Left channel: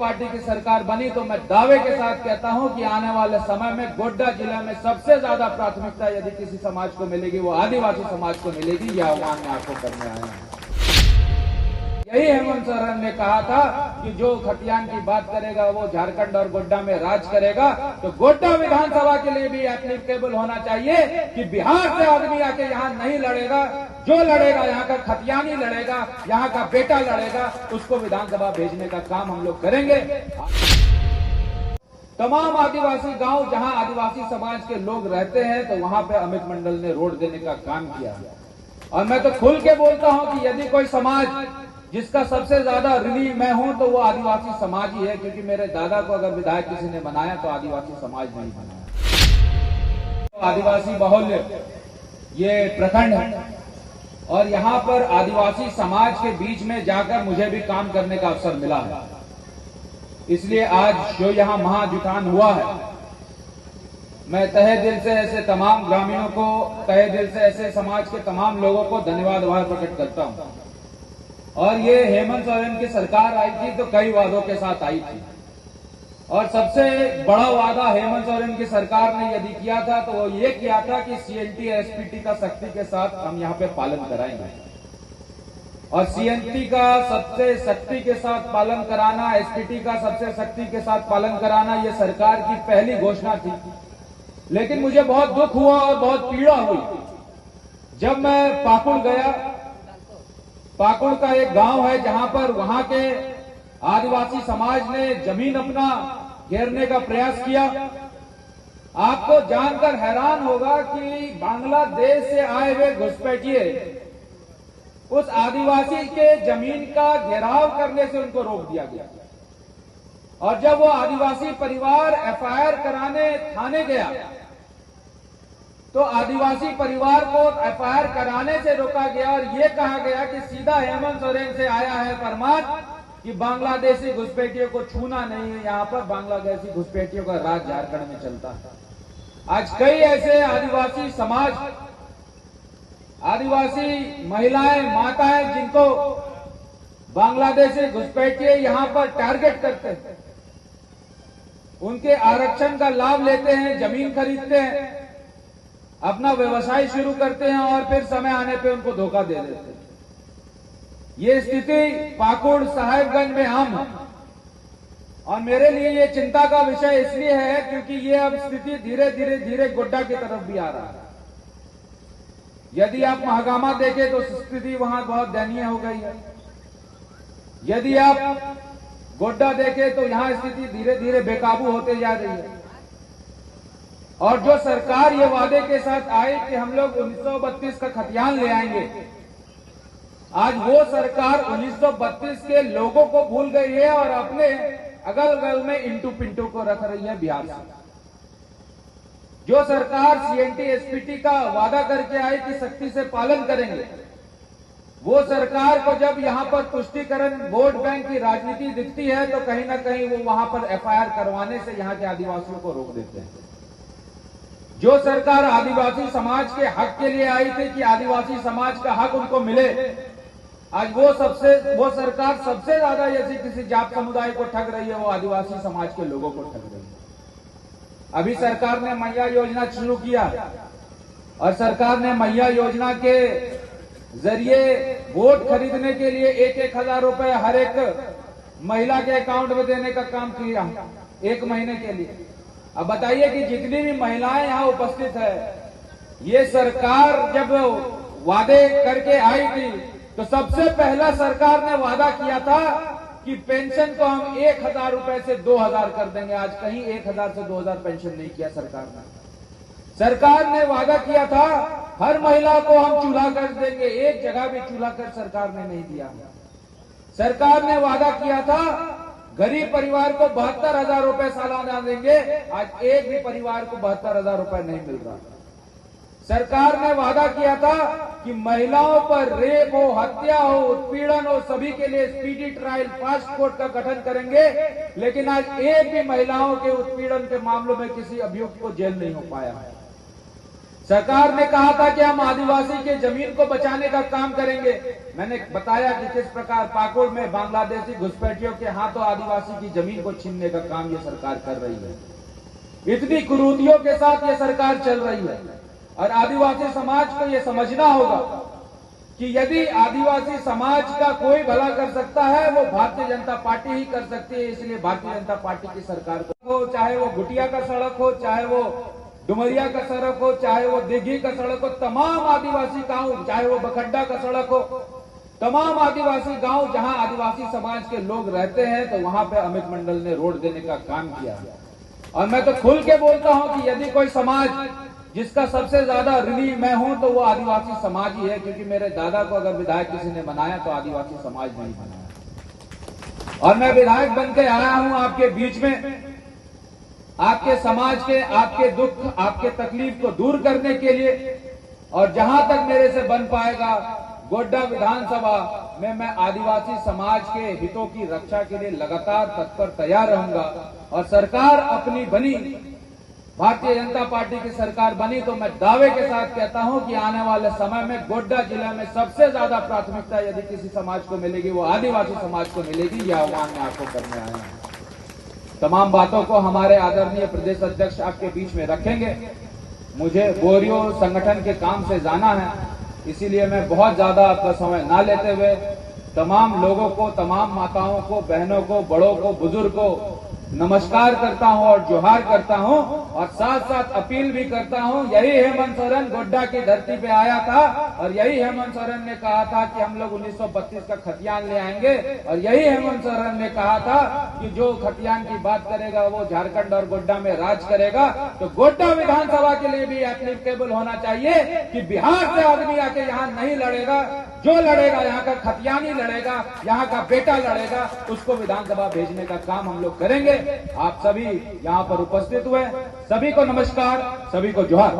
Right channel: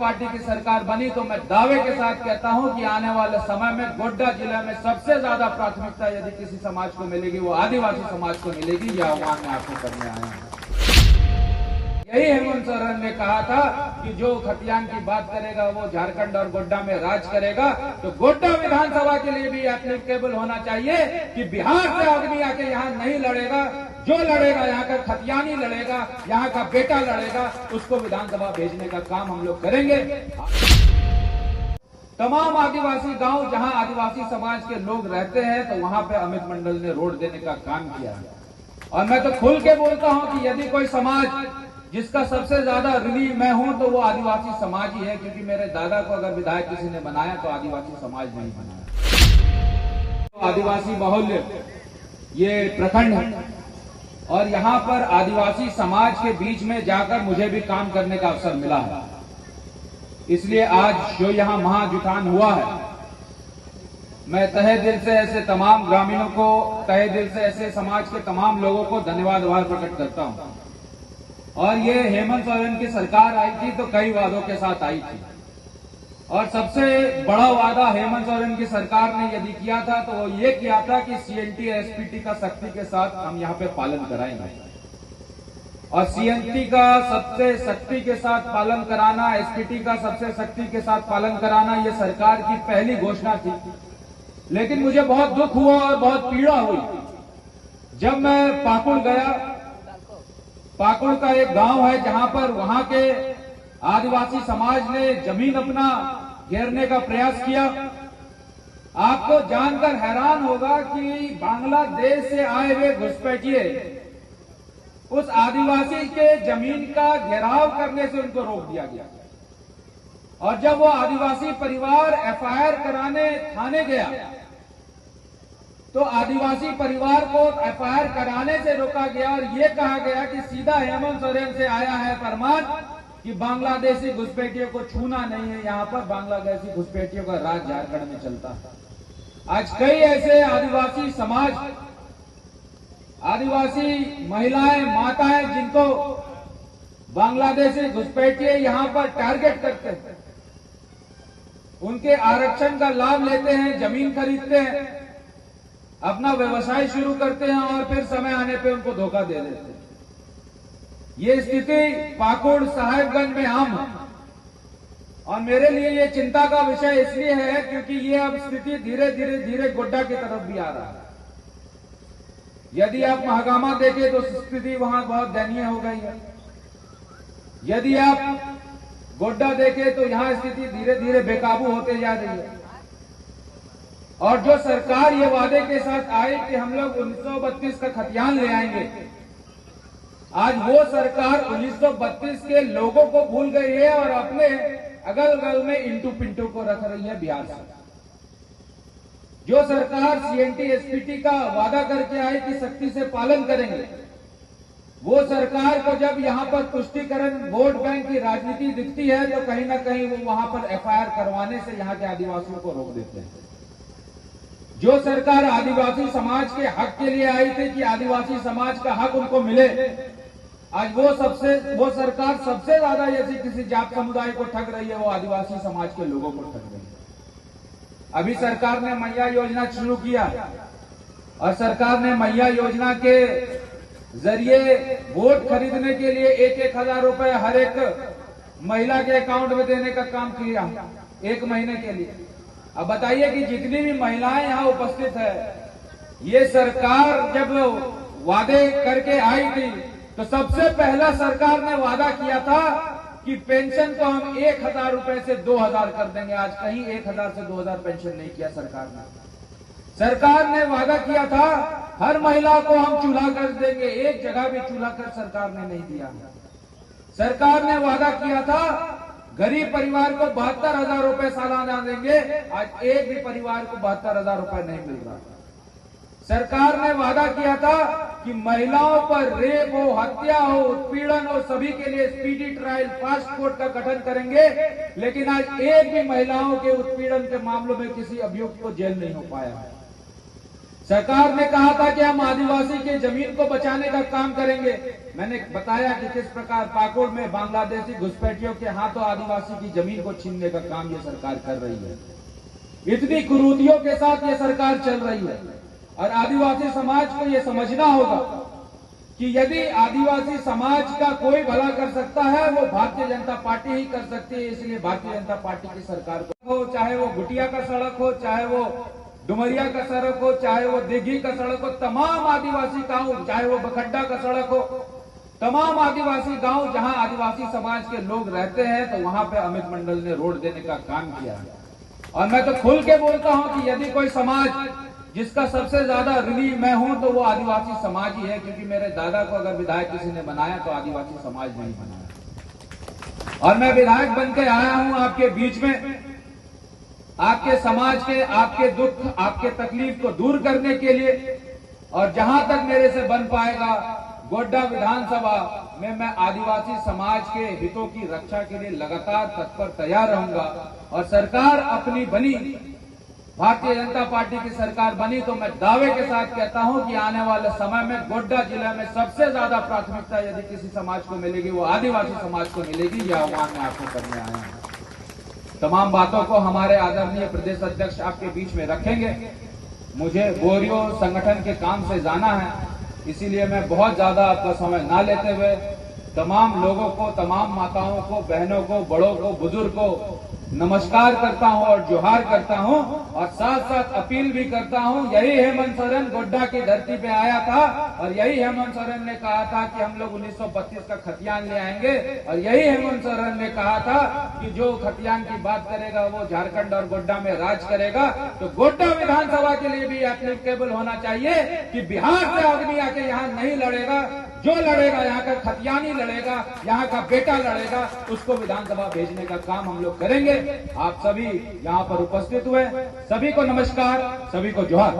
Party की सरकार बनी तो मैं दावे के साथ कहता हूं कि आने वाले समय में गोड्डा जिले में सबसे ज्यादा प्राथमिकता यदि किसी समाज को मिलेगी वो आदिवासी समाज को मिलेगी। यह आह्वान मैं आपको करने आया हूं। यही हेमंत सोरेन ने कहा था कि जो खतियान की बात करेगा वो झारखंड और गोड्डा में राज करेगा। तो गोड्डा विधानसभा के लिए भी एप्लीकेबल होना चाहिए कि बिहार से आदमी आके यहाँ नहीं लड़ेगा, जो लड़ेगा यहाँ का खतियानी लड़ेगा, यहाँ का बेटा लड़ेगा, उसको विधानसभा भेजने का काम हम लोग करेंगे। तमाम आदिवासी गांव जहां आदिवासी समाज के लोग रहते हैं तो वहां पे अमित मंडल ने रोड देने का काम किया। और मैं तो खुल के बोलता हूं कि यदि कोई समाज जिसका सबसे ज्यादा ऋणी मैं हूं तो वो आदिवासी समाज ही है, क्योंकि मेरे दादा को अगर विधायक किसी ने बनाया तो आदिवासी समाज नहीं बनाया। तो आदिवासी बाहुल्य ये प्रखंड है और यहाँ पर आदिवासी समाज के बीच में जाकर मुझे भी काम करने का अवसर मिला है। इसलिए आज जो यहाँ महाजुटान हुआ है, मैं तहे दिल से ऐसे तमाम ग्रामीणों को, तहे दिल से ऐसे समाज के तमाम लोगों को धन्यवाद प्रकट करता हूं। और ये हेमंत सोरेन की सरकार आई थी तो कई वादों के साथ आई थी, और सबसे बड़ा वादा हेमंत सोरेन की सरकार ने यदि किया था तो वो ये किया था कि सीएनटी एसपीटी का सख्ती के साथ हम यहाँ पे पालन कराएंगे। और सीएनटी का सबसे सख्ती के साथ पालन कराना, एसपीटी का सबसे सख्ती के साथ पालन कराना, ये सरकार की पहली घोषणा थी। लेकिन मुझे बहुत दुख हुआ और बहुत पीड़ा हुई जब मैं पाकुड़ गया। पाकुड़ का एक गांव है जहां पर वहां के आदिवासी समाज ने जमीन अपना घेरने का प्रयास किया। आपको जानकर हैरान होगा कि बांग्लादेश से आए हुए घुसपैठिए उस आदिवासी के जमीन का घेराव करने से उनको रोक दिया गया। और जब वो आदिवासी परिवार एफआईआर कराने थाने गया तो आदिवासी परिवार को एफआईआर कराने से रोका गया और ये कहा गया कि सीधा हेमंत सोरेन से आया है फरमान कि बांग्लादेशी घुसपैठियों को छूना नहीं है। यहाँ पर बांग्लादेशी घुसपैठियों का राज झारखंड में चलता है। आज कई ऐसे आदिवासी समाज, आदिवासी महिलाएं, माताएं जिनको बांग्लादेशी घुसपैठिए यहाँ पर टारगेट करते हैं, उनके आरक्षण का लाभ लेते हैं, जमीन खरीदते हैं, अपना व्यवसाय शुरू करते हैं और फिर समय आने पे उनको धोखा दे देते हैं। ये स्थिति पाकुड़ साहेबगंज में आम है और मेरे लिए ये चिंता का विषय इसलिए है क्योंकि ये अब स्थिति धीरे धीरे गोड्डा की तरफ भी आ रहा है। यदि आप महागामा देखें तो स्थिति वहां बहुत दयनीय हो गई है। यदि आप गोड्डा देखें तो यहां स्थिति धीरे धीरे बेकाबू होते जा रही है। और जो सरकार ये वादे के साथ आए कि हम लोग 1932 का खतियान ले आएंगे, आज वो सरकार 1932 के लोगों को भूल गई है और अपने अगल बगल में इंटू पिंटू को रख रही है बिहार से। जो सरकार सीएनटी एसपीटी का वादा करके आई कि सख्ती से पालन करेंगे, वो सरकार को जब यहाँ पर तुष्टीकरण वोट बैंक की राजनीति दिखती है तो कहीं ना कहीं वो वहां पर एफआईआर करवाने से यहाँ के आदिवासियों को रोक देते हैं। जो सरकार आदिवासी समाज के हक के लिए आई थी कि आदिवासी समाज का हक उनको मिले, आज वो सरकार सबसे ज्यादा यदि किसी जाट समुदाय को ठग रही है वो आदिवासी समाज के लोगों को ठग रही है। अभी सरकार ने मैया योजना शुरू किया और सरकार ने मैया योजना के जरिए वोट खरीदने के लिए 1,000 रुपए हर एक महिला के अकाउंट में देने का काम किया 1 महीने के लिए। अब बताइए कि जितनी भी महिलाएं यहाँ उपस्थित है, ये सरकार जब वादे करके आई थी तो सबसे पहला सरकार ने वादा किया था कि पेंशन को हम 1,000 रुपए से 2,000 कर देंगे। आज कहीं 1,000 से 2,000 पेंशन नहीं किया सरकार ने। सरकार ने वादा किया था हर महिला को हम चूल्हा कर देंगे, एक जगह भी चूल्हा कर सरकार ने नहीं दिया। सरकार ने वादा किया था गरीब परिवार को 72,000 रुपए सालाना देंगे, आज एक भी परिवार को 72,000 रुपए नहीं मिल रहा। सरकार ने वादा किया था कि महिलाओं पर रेप हो, हत्या हो, उत्पीड़न हो, सभी के लिए स्पीडी ट्रायल फास्ट कोर्ट का गठन करेंगे, लेकिन आज एक भी महिलाओं के उत्पीड़न के मामलों में किसी अभियुक्त को जेल नहीं हो पाया है। सरकार ने कहा था कि हम आदिवासी के जमीन को बचाने का काम करेंगे। मैंने बताया कि किस प्रकार पाकुड़ में बांग्लादेशी घुसपैठियों के हाथों आदिवासी की जमीन को छीनने का काम ये सरकार कर रही है। इतनी कुरीतियों के साथ ये सरकार चल रही है और आदिवासी समाज को ये समझना होगा कि यदि आदिवासी समाज का कोई भला कर सकता है वो भारतीय जनता पार्टी ही कर सकती है। इसलिए भारतीय जनता पार्टी की सरकार को, चाहे वो घुटिया का सड़क हो, चाहे वो डुमरिया का सड़क हो, चाहे वो दिघी का सड़क हो, तमाम आदिवासी गांव, चाहे वो बखड्डा का सड़क हो, तमाम आदिवासी गांव जहां आदिवासी समाज के लोग रहते हैं तो वहां पे अमित मंडल ने रोड देने का काम किया है। और मैं तो खुल के बोलता हूं कि यदि कोई समाज जिसका सबसे ज्यादा ऋणी मैं हूं तो वो आदिवासी समाज ही है, क्योंकि मेरे दादा को अगर विधायक किसी ने बनाया तो आदिवासी समाज ने ही बनाया। और मैं विधायक बन के आया हूं आपके बीच में, आपके समाज के, आपके दुख, आपके तकलीफ को दूर करने के लिए। और जहां तक मेरे से बन पाएगा गोड्डा विधानसभा में मैं आदिवासी समाज के हितों की रक्षा के लिए लगातार तत्पर तैयार रहूंगा। और सरकार अपनी बनी, भारतीय जनता पार्टी की सरकार बनी तो मैं दावे के साथ कहता हूं कि आने वाले समय में गोड्डा जिले में सबसे ज्यादा प्राथमिकता यदि किसी समाज को मिलेगी वो आदिवासी समाज को मिलेगी। यह आह्वान मैं आपको करने आया हूं। तमाम बातों को हमारे आदरणीय प्रदेश अध्यक्ष आपके बीच में रखेंगे। मुझे बोरियो संगठन के काम से जाना है, इसीलिए मैं बहुत ज्यादा आपका समय ना लेते हुए तमाम लोगों को, तमाम माताओं को, बहनों को, बड़ों को, बुजुर्ग को नमस्कार करता हूं और जोहार करता हूं। और साथ साथ अपील भी करता हूं, यही हेमंत सोरेन गोड्डा की धरती पे आया था और यही हेमंत सोरेन ने कहा था कि हम लोग 1932 का खतियान ले आएंगे। और यही हेमंत सोरेन ने कहा था कि जो खतियान की बात करेगा वो झारखंड और गोड्डा में राज करेगा। तो गोड्डा विधानसभा के लिए भी एप्लीकेबल होना चाहिए कि बिहार से आदमी आके यहाँ नहीं लड़ेगा, जो लड़ेगा यहाँ का खतियानी लड़ेगा, यहाँ का बेटा लड़ेगा, उसको विधानसभा भेजने का काम हम लोग करेंगे। आप सभी यहाँ पर उपस्थित हुए, सभी को नमस्कार, सभी को जोहार।